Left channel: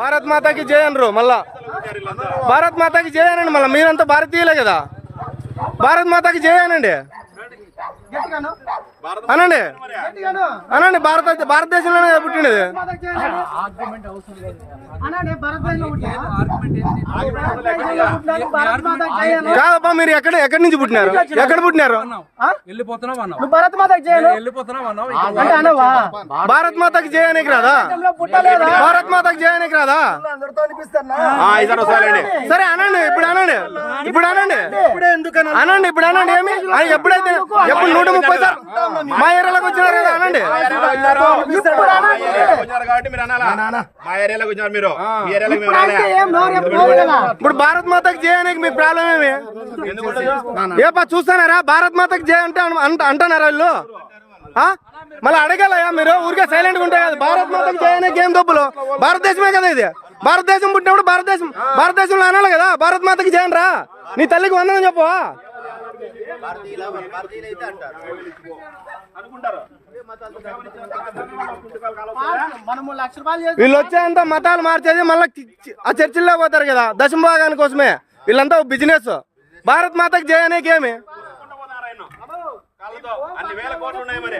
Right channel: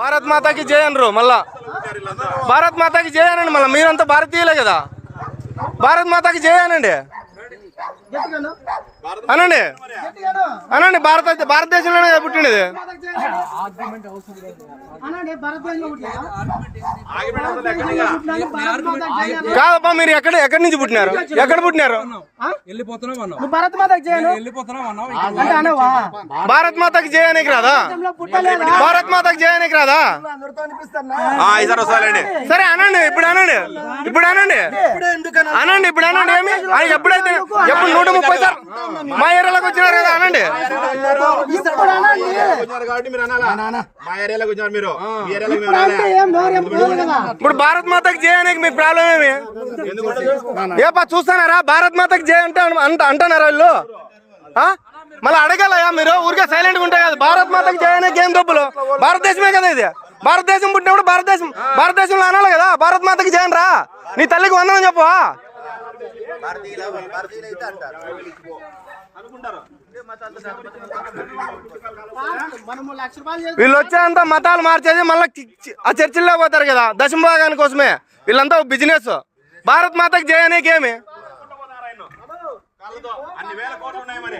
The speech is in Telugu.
భారత్ మాతాకి జై అనరు మళ్ళా. భారత్ మాతాకి జై అనండి మళ్ళీ. మీరంతా భారతీయులే కదా. భారత్ మాతాకి జై అనండి అనండి అనండి. భారతదేశంలోనే పుట్టిండేది. కాదబ్బా, మీరు ఎక్కడి నుంచి పుట్టినారు? ఎక్కడ పుట్టినారు? భారత్ మాతకి జై భారత్ మాతకి జై అనేకి రాదా? భారత్ మాతకి జై అనేకి రాదా? సరే అనండి. ఇప్పుడు అనండి. ఇప్పుడు అనండి. అనండి. ఇప్పుడు అనండి. ఏమి ఎప్పుడైతే ఎప్పుడు 130 సార్లు మా ఏరియాలోకి వచ్చినారు కదా అనండి. ఇప్పుడు భారత్ మాతకి జై అనేకి మీకు ప్రాబ్లం ఏమి? ఏపా చూస్తున్నారా? భారత్ మాతకి జై అంటే అంటున్నారా వీళ్ళు? మళ్ళీ అడగాలయా మీరు? ఊరికే సైలెంట్ గా ఉంటాయి కదా. భారత్ మాతకి జై అనేకి ఏం తప్పులు? భారతదేశమే కదా ఇది. భారతదేశం పుట్టినప్పుడు భారతదేశంలో అనాలి కదా. భారత్ మాతకి జై రా. నీ తల్లికి వందనం చెప్పు. వీళ్ళు వచ్చేంత మతాలు మార్చేది మళ్ళీ ఆ చర్చిల్లో పోతారు కదా దశమ భాగాని కోసమే. వీళ్ళంతా బిజినెస్. భారత్ మాతకి జై అనేకి ఏమి? అన్ని వేల కోట్లు ఉన్నాయి మరి.